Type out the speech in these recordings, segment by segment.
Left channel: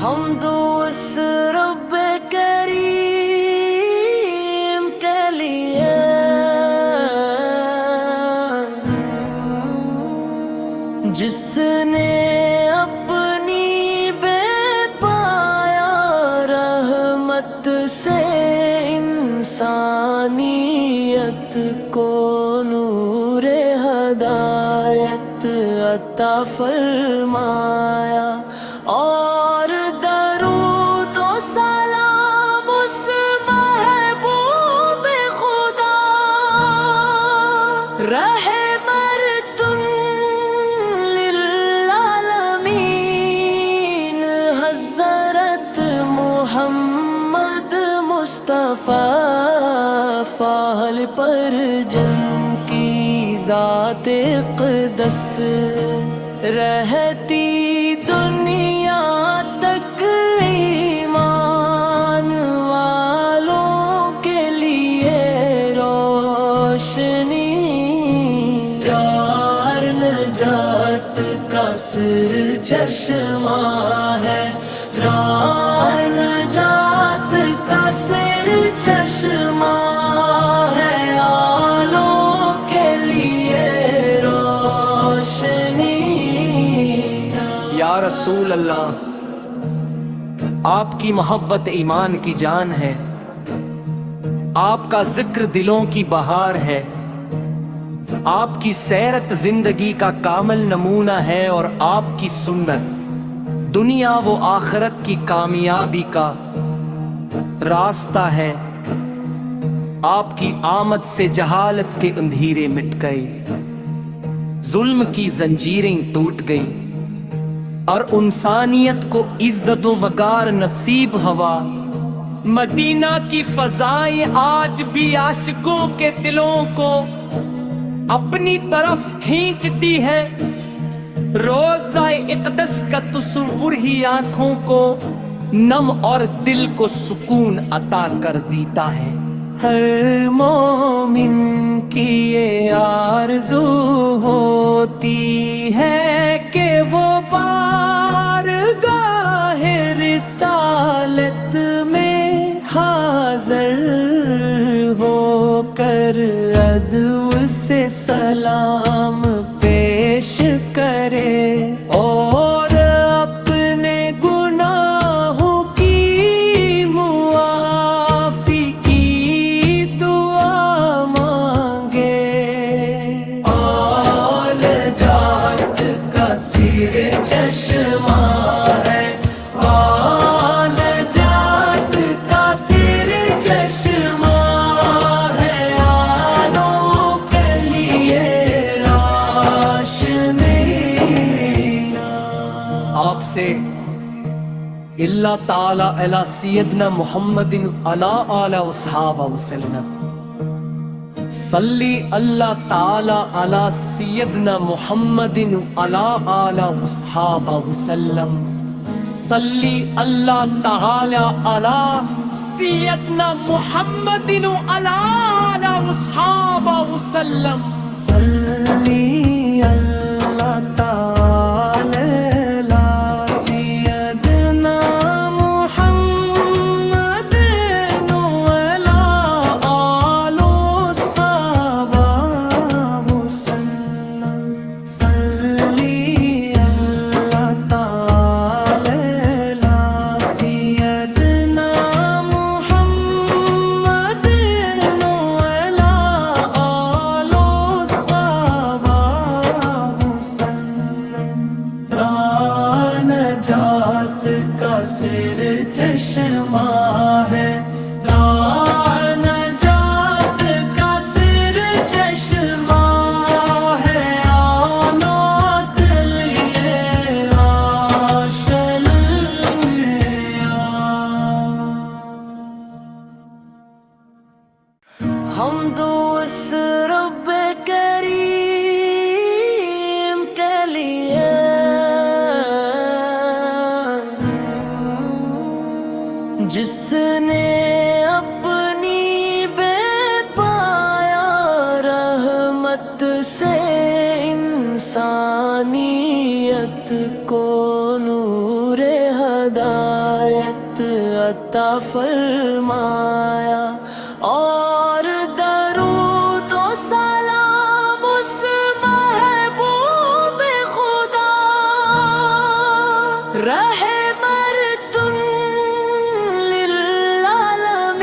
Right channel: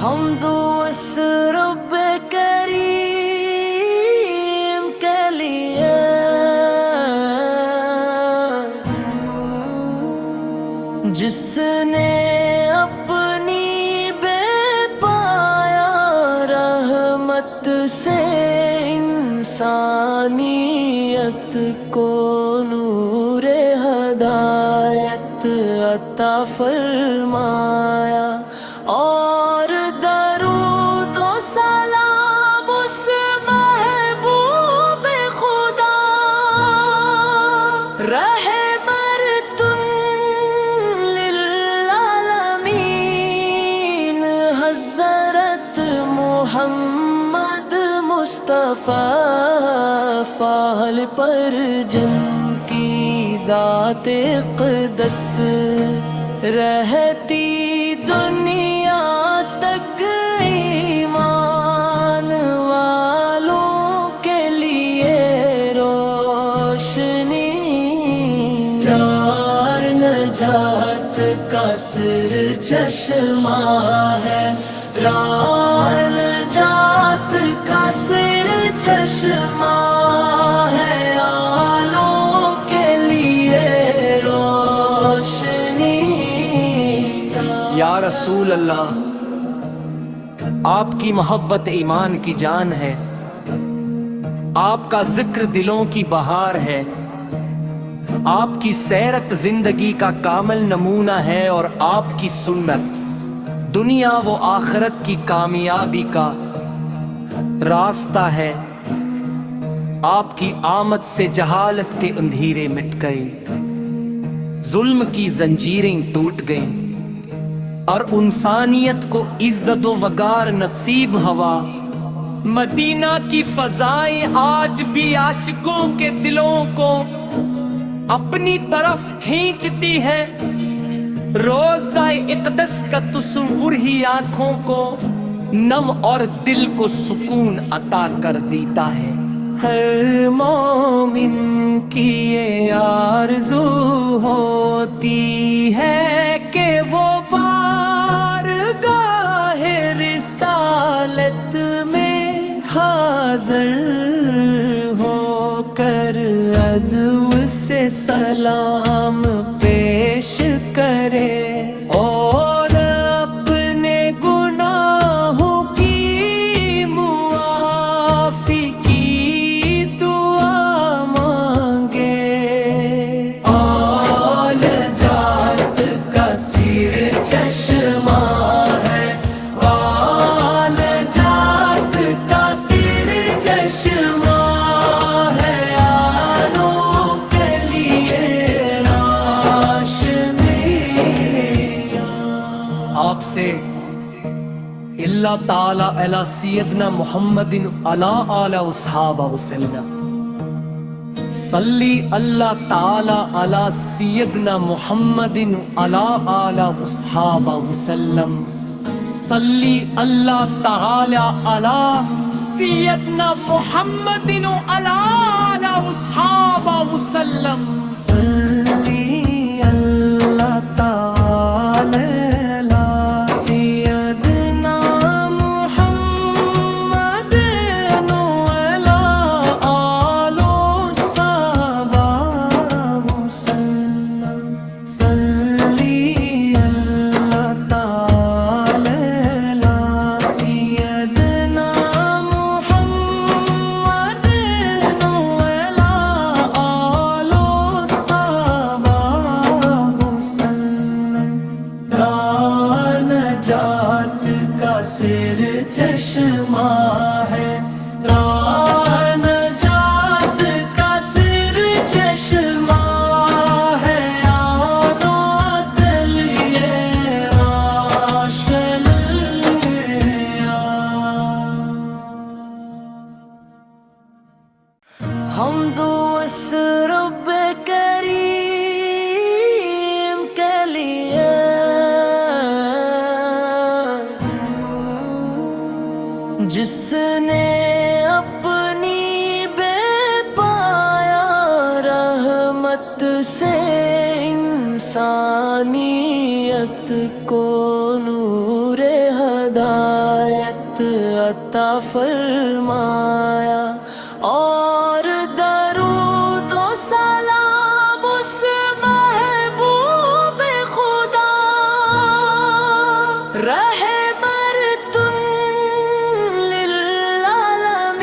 حمد اس رب کریم کے لیے جس نے اپنی بے پایا رحمت سے انسانیت کو نور ہدایت عطا فرمایا، اور درود و سلام اس محبوب خدا رحمت للعالمین حضرت محمد مصطفیٰ فال پر جن کی ذات اقدس رہتی دنیا تک ایمان والوں کے لیے روشنی، یار نجات کا سر چشمہ ہے، راہ نجات کا سر چشمہ ہے، آلوں کے لیے روشنی۔ یا رسول اللہ، آپ کی محبت ایمان کی جان ہے، آپ کا ذکر دلوں کی بہار ہے، آپ کی سیرت زندگی کا کامل نمونہ ہے، اور آپ کی سنت دنیا و آخرت کی کامیابی کا راستہ ہے۔ آپ کی آمد سے جہالت کے اندھیرے مٹ گئے، ظلم کی زنجیریں ٹوٹ گئیں، اور انسانیت کو عزت و وقار نصیب ہوا۔ مدینہ کی فضائیں آج بھی عاشقوں کے دلوں کو اپنی طرف کھینچتی ہے، روضہ اقدس کا تصور ہی آنکھوں کو نم اور دل کو سکون عطا کر دیتا ہے۔ ہر مومن کی یہ آرزو ہوتی ہے کہ وہ بارگاہ رسالت میں حاضر ہو کر ادب سے سلام پیش کرے، اور اپنے گناہوں کی معافی کی دعا مانگے۔ آل جات کا سر چشمہ ہے، آل جات کا سر چشمہ ہے، آلوں کے لیے روشنی۔ آپ سے اللہ تعالی علی سیدنا محمد علی آلہ وصحابہ وسلم، صلی اللہ تعالی علی سیدنا محمد علی آلہ وصحابہ وسلم، صلی اللہ تعالی علی سیدنا محمد علی آلہ وصحابہ وسلم، صلی اللہ تعالی علی سیدنا محمد علی آل صحابہ وسلم، صلی اللہ تعالی علی سیدنا محمد علی آل صحابہ وسلم۔ نجات کا سر چشمہ ہے، نجات کا سر چشمہ ہے، آنات لیے روشنیاں۔ حمد اس رب کریم کے لیے جس نے اپنی بے پایا رحمت سے انسانیت کو نور ہدایت عطا فرمایا، اور درود و سلام اس محبوب خدا رحمتٌ للعالمین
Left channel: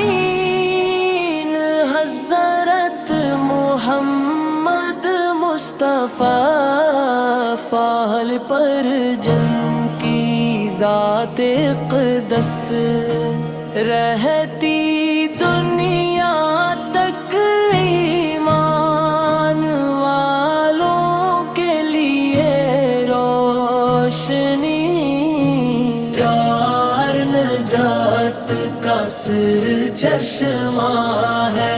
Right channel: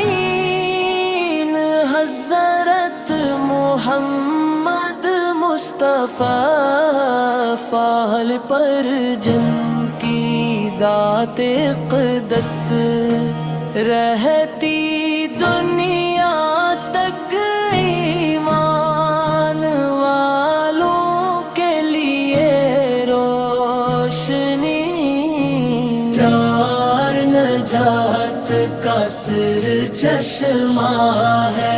حضرت محمد مصطفیٰ فاحل پر جن کی ذات اقدس رہتی دنیا تک ایمان والوں کے لیے روشنی، یار نجات کا سر چشمہ ہے،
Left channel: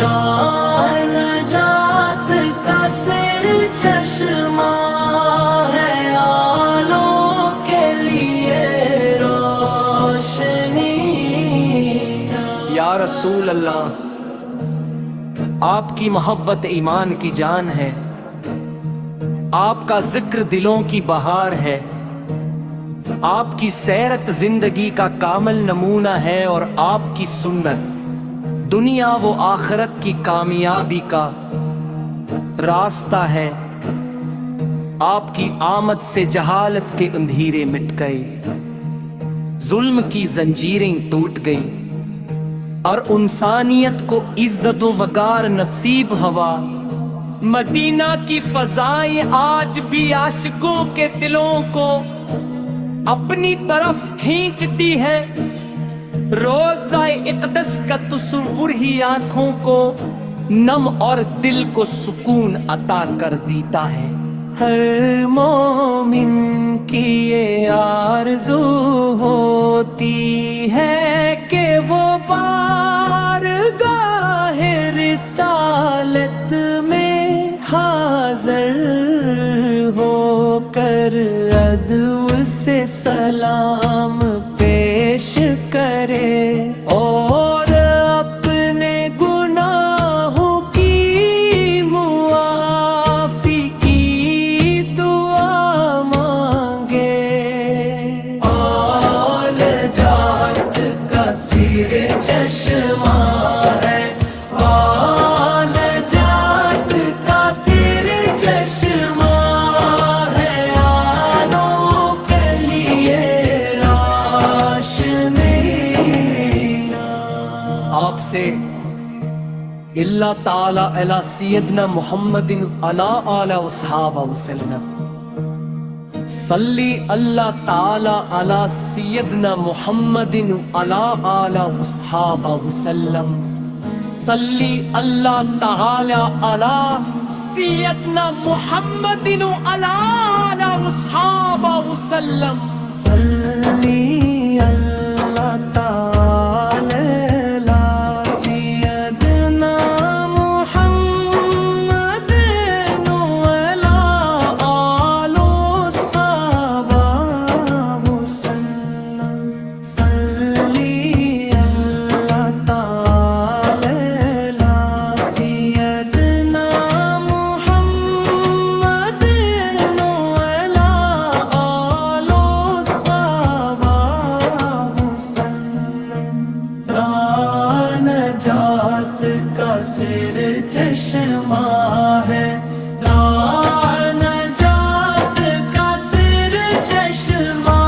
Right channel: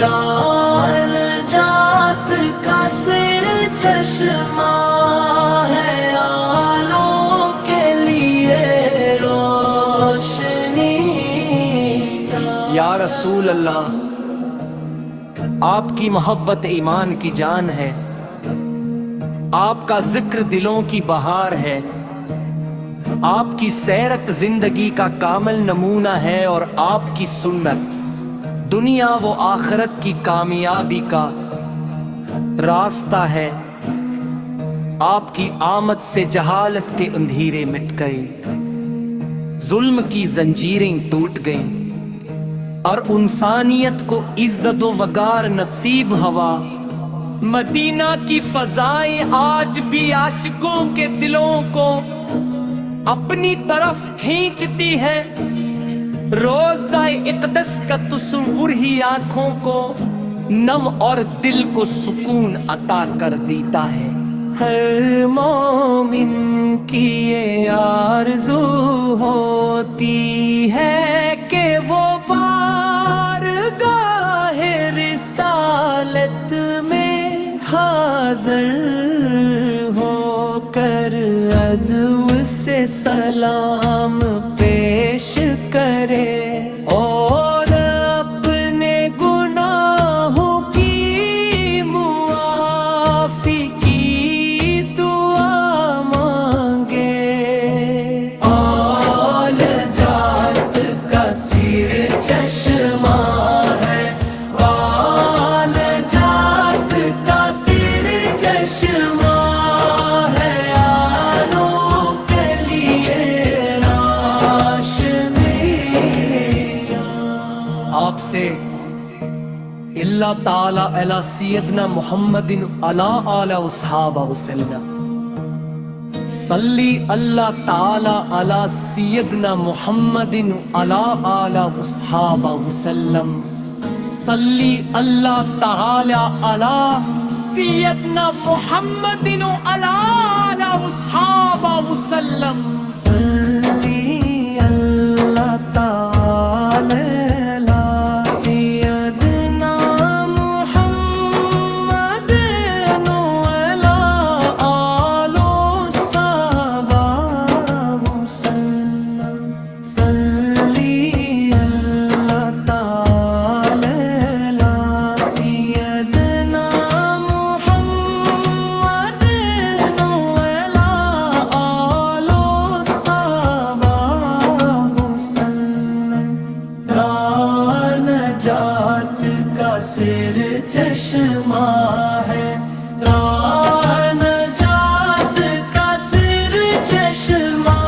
راہ نجات کا سر چشمہ ہے، آلوں کے لیے روشنی۔ یا رسول اللہ، آپ کی محبت ایمان کی جان ہے، آپ کا ذکر دلوں کی بہار ہے، آپ کی سیرت زندگی کا کامل نمونہ ہے، اور آپ کی سنت دنیا و آخرت کی کامیابی کا راستہ ہے۔ آپ کی آمد سے جہالت کے اندھیرے مٹ گئے، ظلم کی زنجیریں ٹوٹ گئیں، اور انسانیت کو عزت و وقار نصیب ہوا۔ مدینہ کی فضائیں آج بھی عاشقوں کے دلوں کو اپنی طرف کھینچتی ہے، روضہ اقدس کا تصور ہی آنکھوں کو نم اور دل کو سکون عطا کر دیتا ہے۔ ہر مومن کی یہ آرزو ہوتی ہے کہ وہ بارگاہ رسالت میں حاضر ہو کر ادب سے سلام پیش کرے، اور اپنے گناہوں کی معافی کی دعا مانگے۔ آل جات کا سر چشمہ ہے، آل جات کا سر چشمہ ہے، آلوں کے لیے روشنی۔ آپ سے اللہ تعالی علی سیدنا محمد علی آلہ وصحابہ وسلم، صلی اللہ تعالی علی سیدنا محمد علی آلہ وصحابہ وسلم، صلی اللہ تعالی علی سیدنا محمد علی آلہ وصحابہ وسلم، صلی اللہ تعالی علی سیدنا محمد وعلی آلہ وصحبہ وسلم، صلی اللہ تعالی علی سیدنا محمد وعلی آلہ وصحبہ وسلم۔ نجات کا سر چشمہ ہے، نجات کا سر چشمہ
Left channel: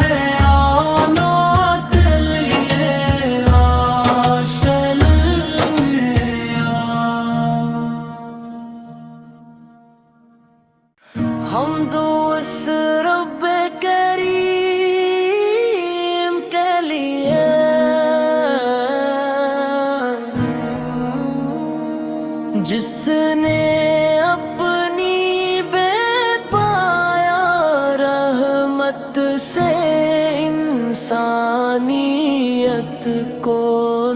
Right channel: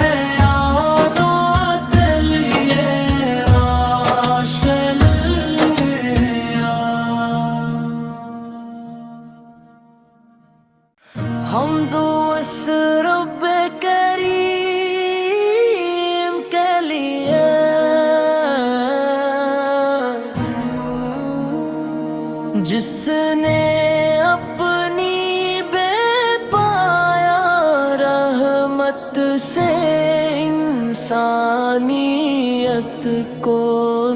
ہے، آنات لیے روشنیاں۔ حمد اس رب کریم کے لیے جس نے اپنی بے پایا رحمت سے انسانیت کو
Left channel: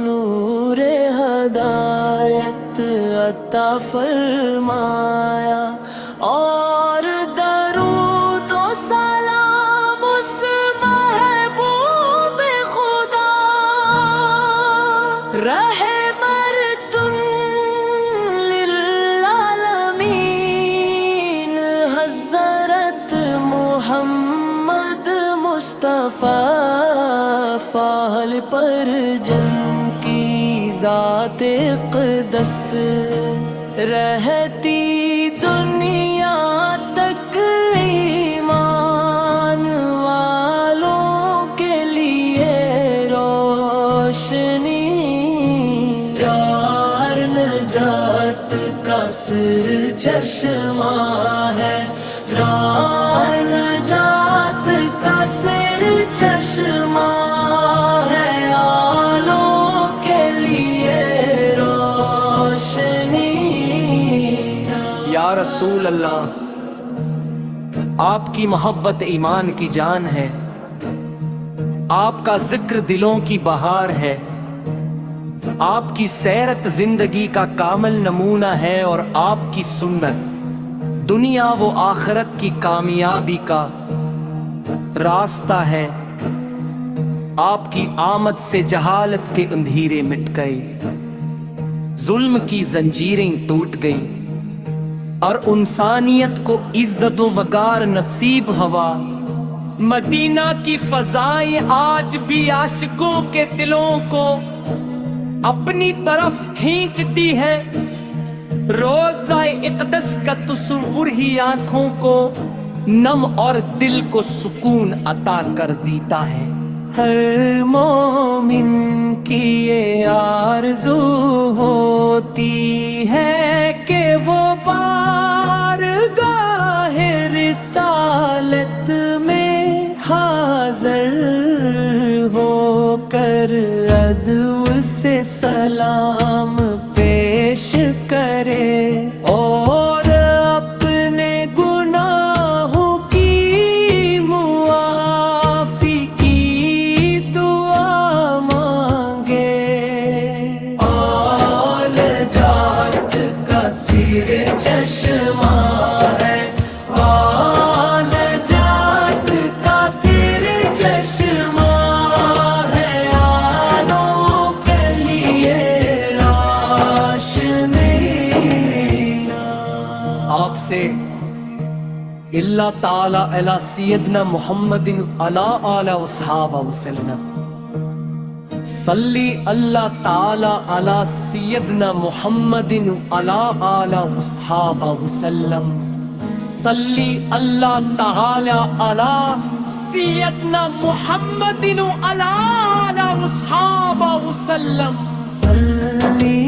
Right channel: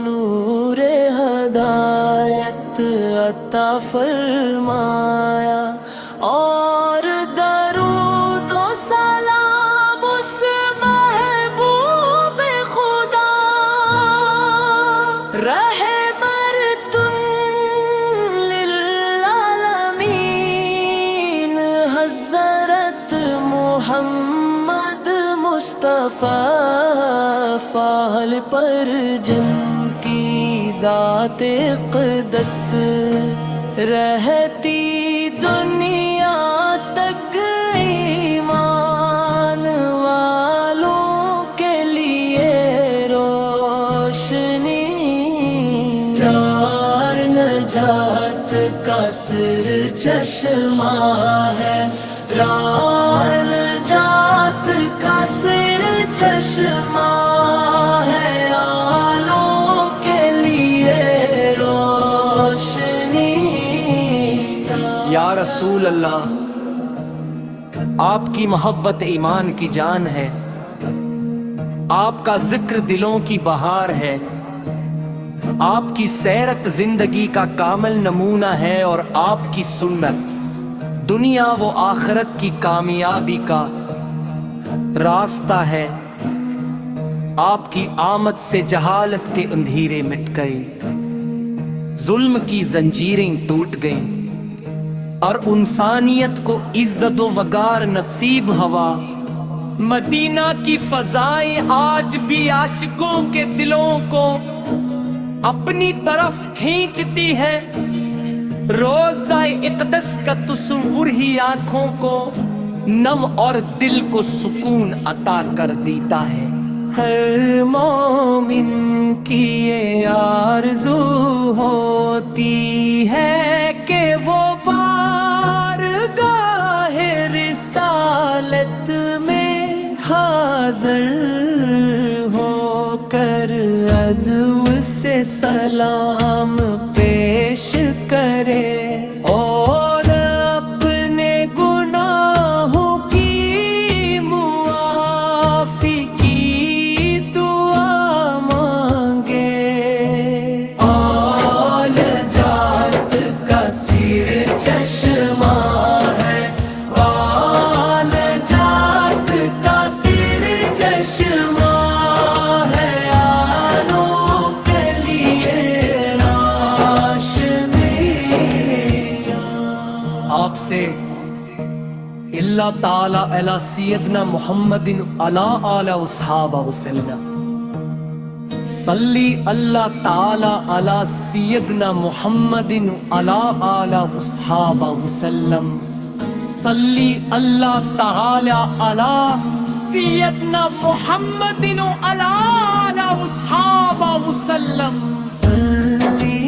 نور ہدایت عطا فرمایا، اور درود و سلام اس محبوب خدا رحمتٌ للعالمین حضرت محمد مصطفیٰ مصطفیٰ فاحل پر جن کی ذات اقدس رہتی دنیا تک ایمان والوں کے لیے روشنی یار نجات کا سر چشمہ ہے راہ نجات کا سر چشمہ ہے آلوں کے لیے روشنی یا رسول اللہ، آپ کی محبت ایمان کی جان ہے، آپ کا ذکر دلوں کی بہار ہے، آپ کی سیرت زندگی کا کامل نمونہ ہے، اور آپ کی سنت دنیا و آخرت کی کامیابی کا راستہ ہے۔ آپ کی آمد سے جہالت کے اندھیرے مٹ گئے، ظلم کی زنجیریں ٹوٹ گئیں، اور انسانیت کو عزت و وقار نصیب ہوا۔ مدینہ کی فضائیں آج بھی عاشقوں کے دلوں کو اپنی طرف کھینچتی ہے، روضہ اقدس کا تصور ہی آنکھوں کو نم اور دل کو سکون عطا کر دیتا ہے۔ ہر مومن کی یہ آرزو ہوتی ہے کہ وہ بارگاہ رسالت میں حاضر ہو کر ادب سے سلام پیش کرے اور اپنے گناہوں کی معافی کی دعا مانگے۔ آل جات کا سر چشمہ ہے، آل جات کا سر چشمہ ہے، آلوں کے لیے روشنی۔ آپ سے اللہ تعالی علی سیدنا محمد علی آلہ وصحابہ وسلم، صلی اللہ تعالی علی سیدنا محمد علی آلہ وصحابہ وسلم، صلی اللہ تعالی علی سیدنا محمد علی آلہ وصحابہ وسلم، صلی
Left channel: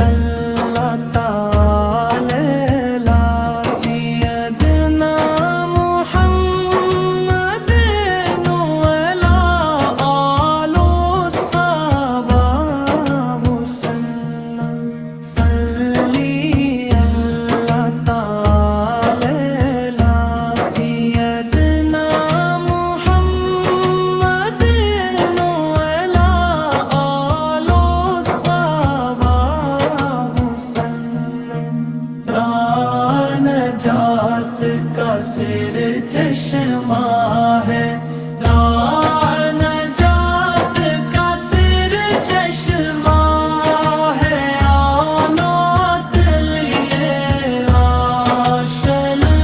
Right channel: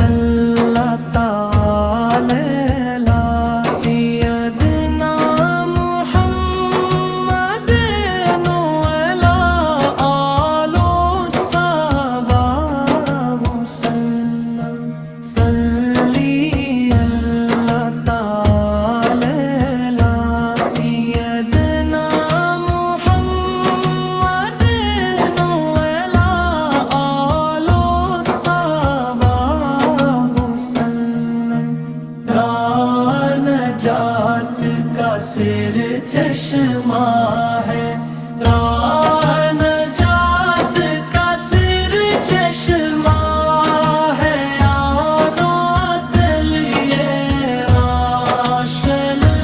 اللہ تعالی علی سیدنا محمد علی آلہ وصحابہ وسلم، صلی اللہ تعالی علی سیدنا محمد علی آلہ وصحابہ وسلم۔ نجات کا سر چشمہ ہے، نجات کا سر چشمہ ہے، آنات لیے روشنی۔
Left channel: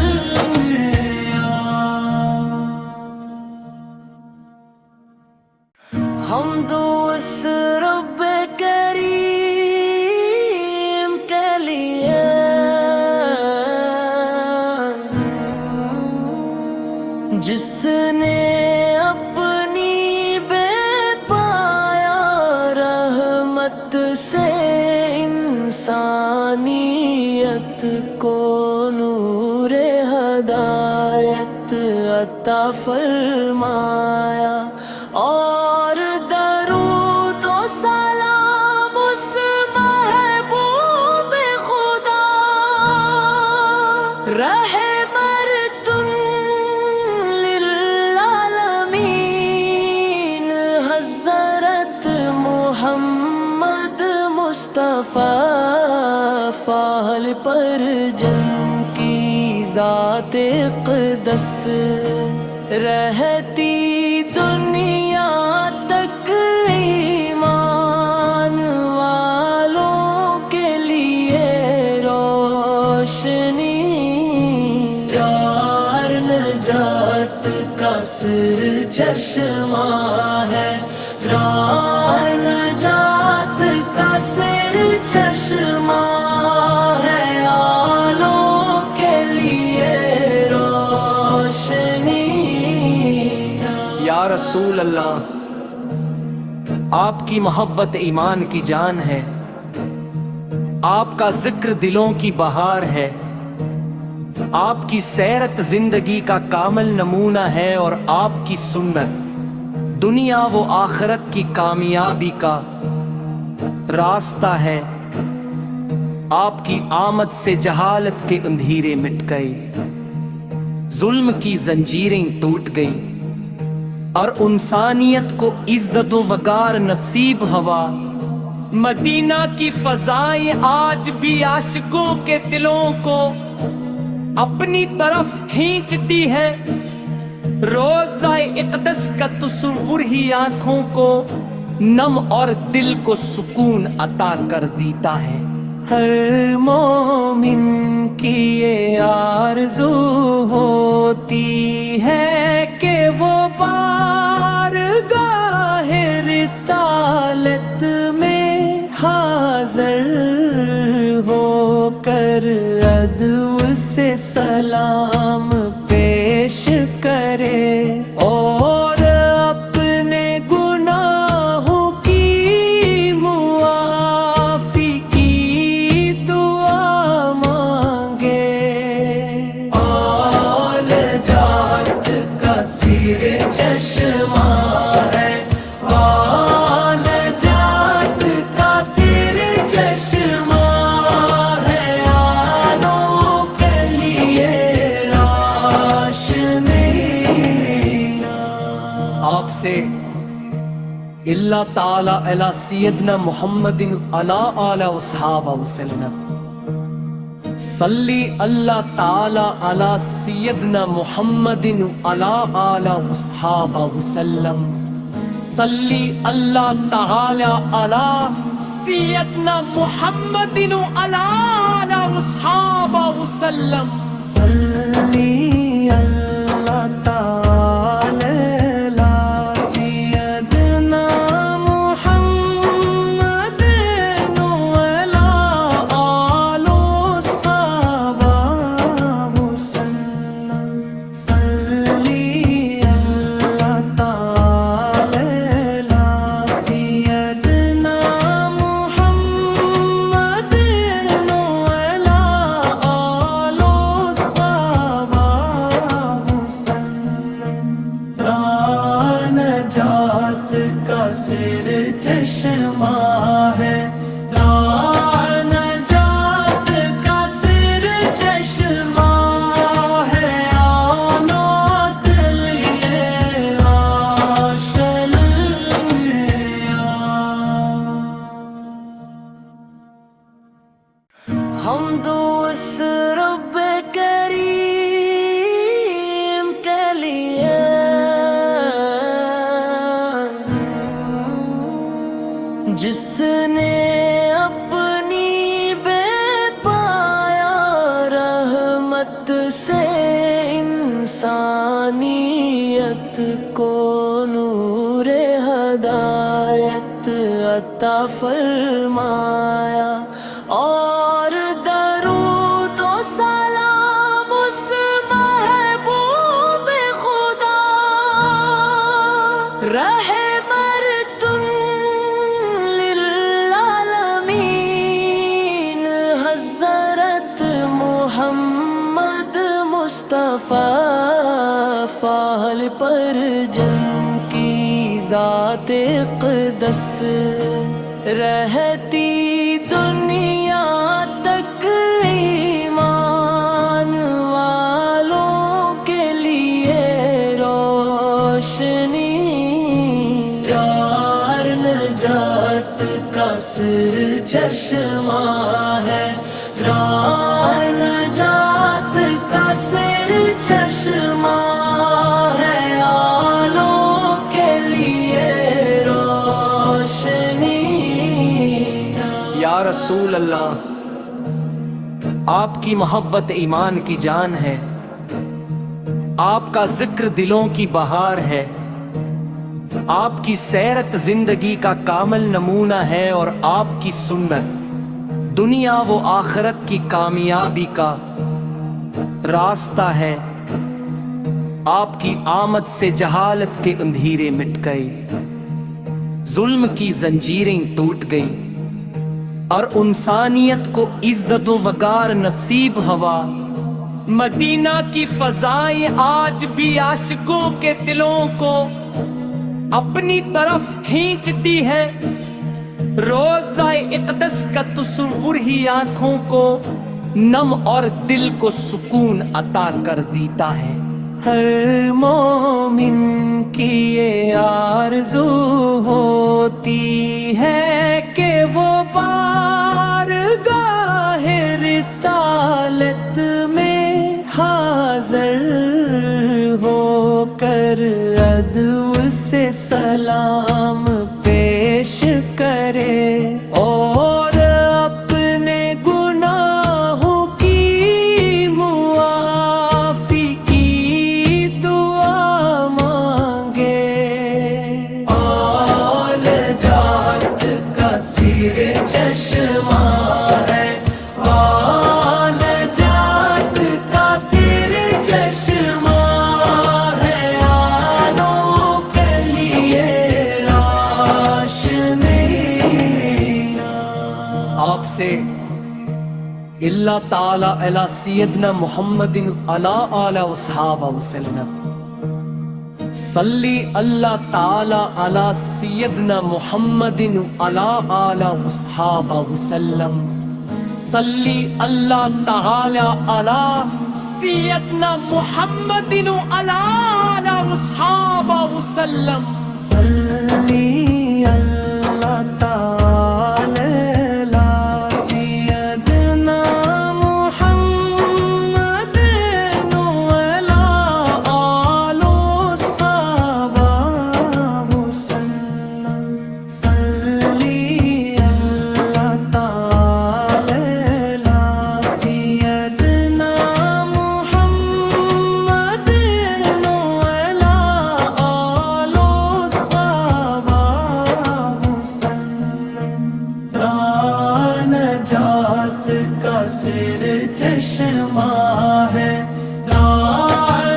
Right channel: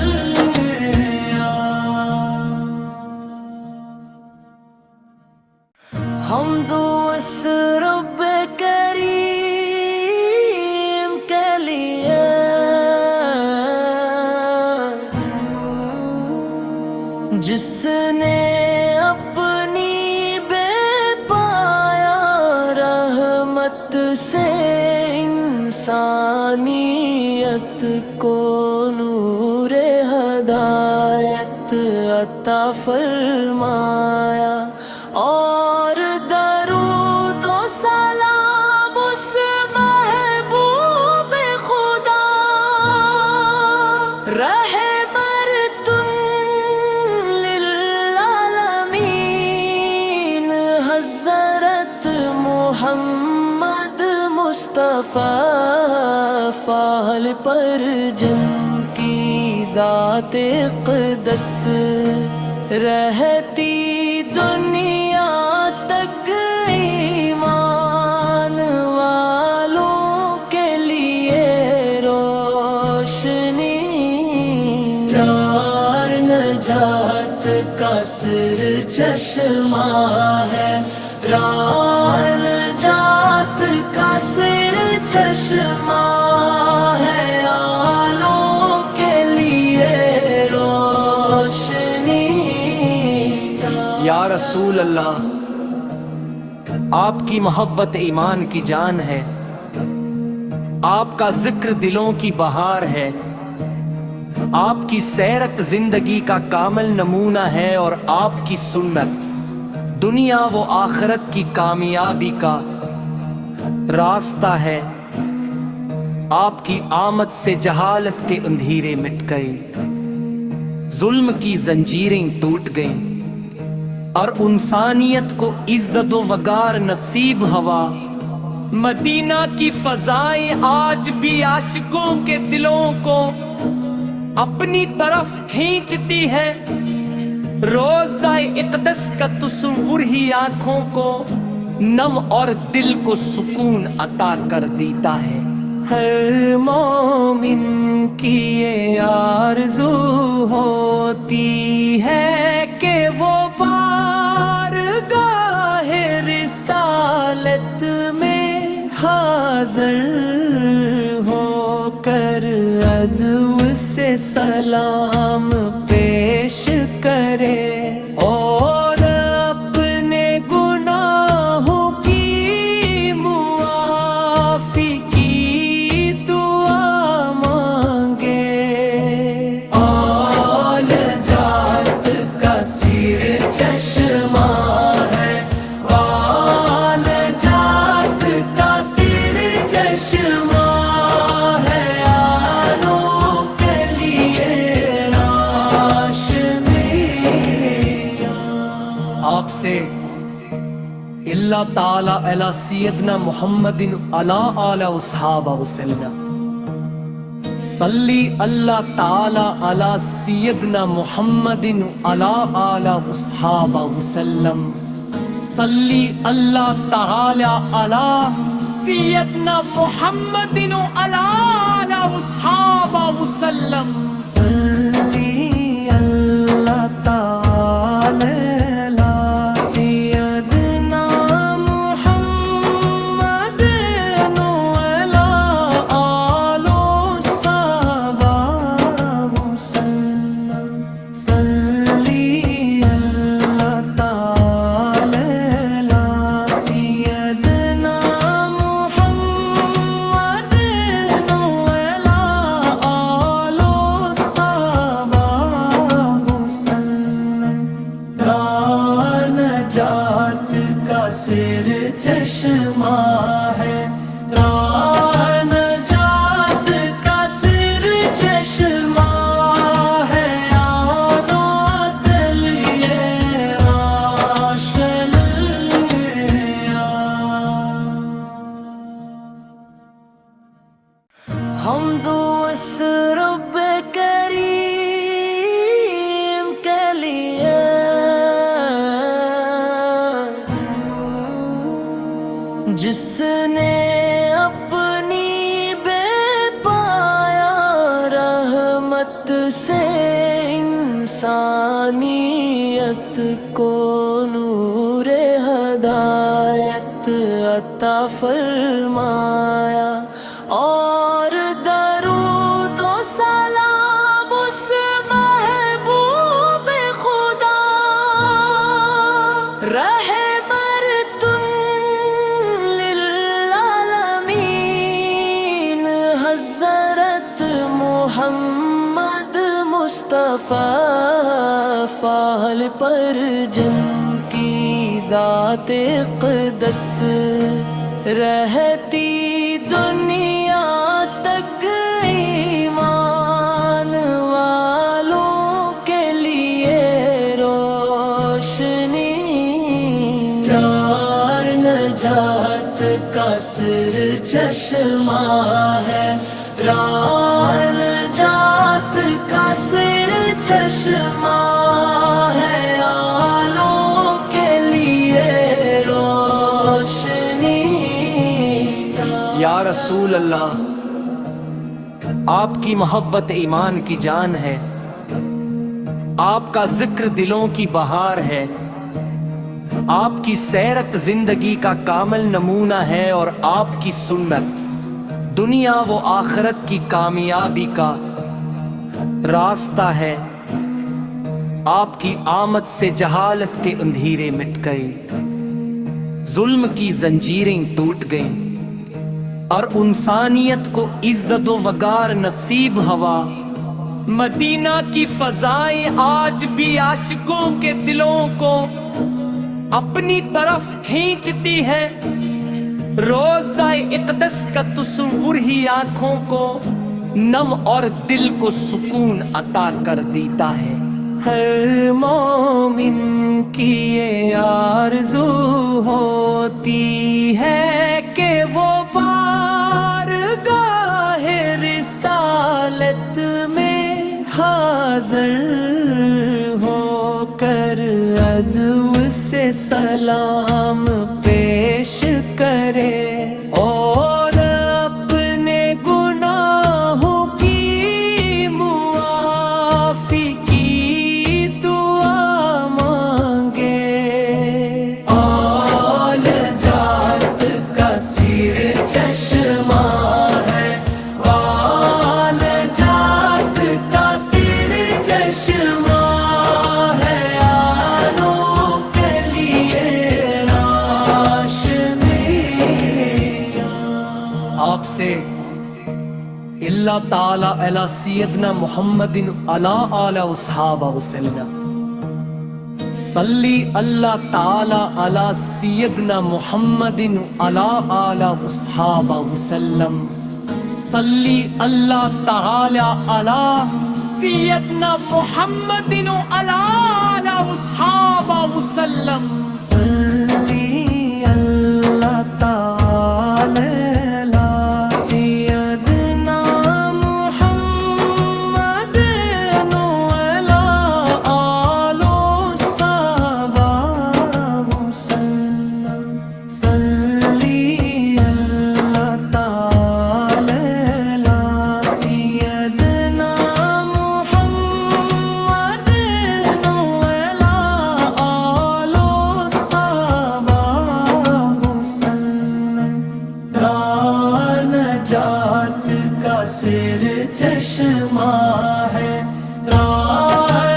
حمد و رب کریم کے لیے جس نے اپنی بے پایا رحمت سے انسانیت کو نور ہدایت عطا فرمایا، اور درود و سلام اس محبوب خدا رہبرتن للعالمین حضرت محمد مصطفیٰ فاحل پر جن کی ذات اقدس رہتی دنیا تک ایمان والوں کے لیے روشنی۔ یار نجات کا سر چشمہ ہے، راہ نجات کا سر چشمہ ہے، آلوں کے لیے روشنی یا رسول اللہ، آپ کی محبت ایمان کی جان ہے، آپ کا ذکر دلوں کی بہار ہے، آپ کی سیرت زندگی کا کامل نمونہ ہے، اور آپ کی سنت دنیا و آخرت کی کامیابی کا راستہ ہے۔ آپ کی آمد سے جہالت کے اندھیرے مٹ گئے، ظلم کی زنجیریں ٹوٹ گئیں، اور انسانیت کو عزت و وقار نصیب ہوا۔ مدینہ کی فضائیں آج بھی عاشقوں کے دلوں کو اپنی طرف کھینچتی ہے، روضہ اقدس کا تصور ہی آنکھوں کو نم اور دل کو سکون عطا کر دیتا ہے۔ ہر مومن کی یہ آرزو ہوتی ہے کہ وہ بارگاہ رسالت میں حاضر ہو کر ادب سے سلام پیش کرے، اور اپنے گناہوں کی معافی کی دعا مانگے۔ آل جات کا سر چشمہ ہے، آل جات کا سر چشمہ ہے، آلوں کے لیے روشنی۔ آپ سے اللہ تعالی علی سیدنا محمد علی آلہ وصحابہ وسلم، صلی اللہ تعالی علی سیدنا محمد علی آلہ وصحابہ وسلم، صلی اللہ تعالی علی سیدنا محمد علی آلہ وصحابہ وسلم، صلی اللہ تعالی علی سیدنا محمد علی آل صحابہ وسلم، صلی اللہ تعالی علی سیدنا محمد علی آل صحابہ وسلم۔ راہ نجات کا سر چشمہ ہے، راہ نجات کا سر چشمہ ہے، آلوں کے لیے روشنی۔ حمد اس رب کریم کے لیے جس نے اپنی بے پایا رحمت سے انسانیت کو نور ہدایت عطا فرمایا، اور درود و سلام اس محبوب خدا رحمتن للعالمین حضرت محمد مصطفیٰ فاحل پر جن کی ذات اقدس رہتی دنیا تک ایمان والوں کے لیے روشنی۔ یار نجات کا سر چشمہ ہے، راہ نجات کا سر چشمہ ہے، آلوں کے لیے روشنی۔ یا رسول اللہ، آپ کی محبت ایمان کی جان ہے، آپ کا ذکر دلوں کی بہار ہے، آپ کی سیرت زندگی کا کامل نمونہ ہے اور آپ کی سنت دنیا و آخرت کی کامیابی کا راستہ ہے۔ آپ کی آمد سے جہالت کے اندھیرے مٹ گئے، ظلم کی زنجیریں ٹوٹ گئیں اور انسانیت کو عزت و وقار نصیب ہوا۔ مدینہ کی فضائیں آج بھی عاشقوں کے دلوں کو اپنی طرف کھینچتی ہے۔ روضہ اقدس کا تصور ہی آنکھوں کو نم اور دل کو سکون عطا کر دیتا ہے۔ ہر مومن کی یہ آرزو ہوتی ہے کہ وہ بارگاہ رسالت میں حاضر ہو کر ادب سے سلام پیش کرے اور اپنے گناہوں کی معافی کی دعا مانگے۔ آل جات کا سیر چشمہ ہے، آل جات کا سیر چشمہ ہے، آنوں کے لیے آپ سے اللہ تعالی علی سیدنا محمد علی آلہ وصحابہ وسلم صلی اللہ تعالی علی سیدنا محمد علی آلہ وصحابہ وسلم صلی اللہ تعالی علی سیدنا محمد علی آلہ وصحابہ وسلم صلی اللہ تعالی نجات کا سر چشمہ ہے،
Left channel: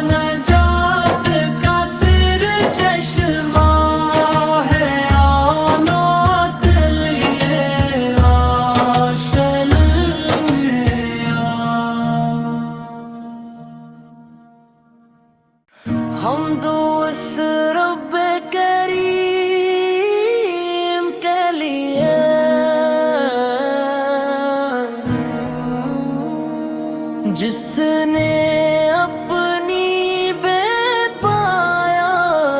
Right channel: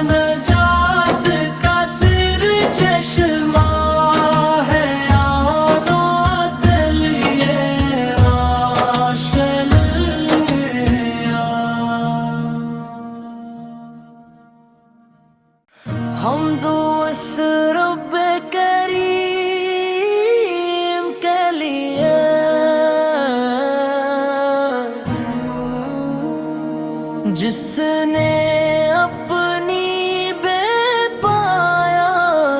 نجات کا سر چشمہ ہے، آنوں دل یہ روشن حمد اس رب کریم کے لیے جس نے اپنی بے پایا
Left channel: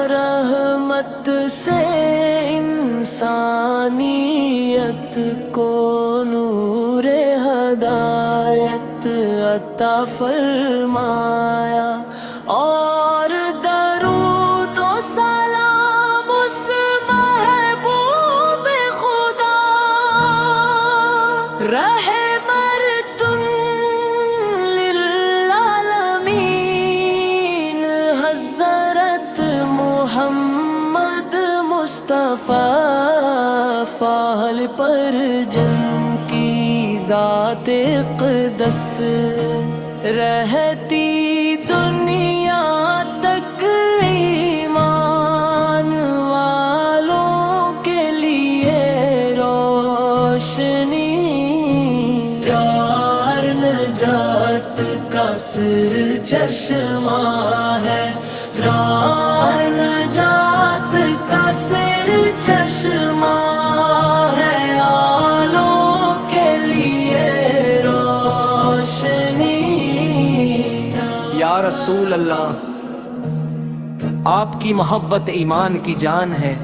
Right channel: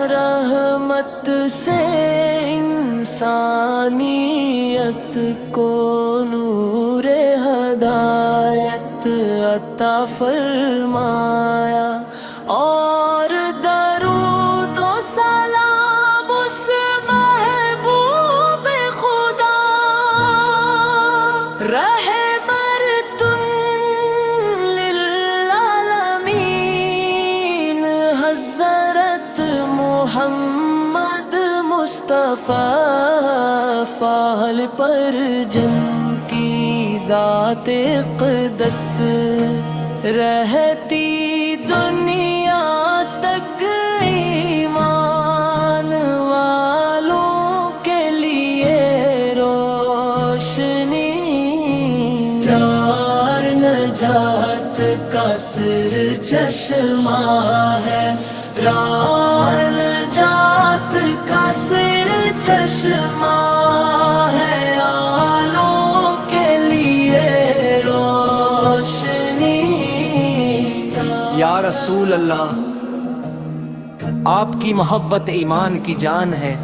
رحمت سے انسانیت کو نور ہدایت عطا فرمایا، اور درود و سلام اس محبوب خدا رہے محمد مصطفیٰ فال پر جن کی ذات اقدس رہتی دنیا تک ایمان والوں کے لیے روشنی، یار نجات کا سر چشمہ ہے، نجات کا سر چشمہ ہے، آلوں کے لیے روشنی۔ یا رسول اللہ، آپ کی محبت ایمان کی جان ہے،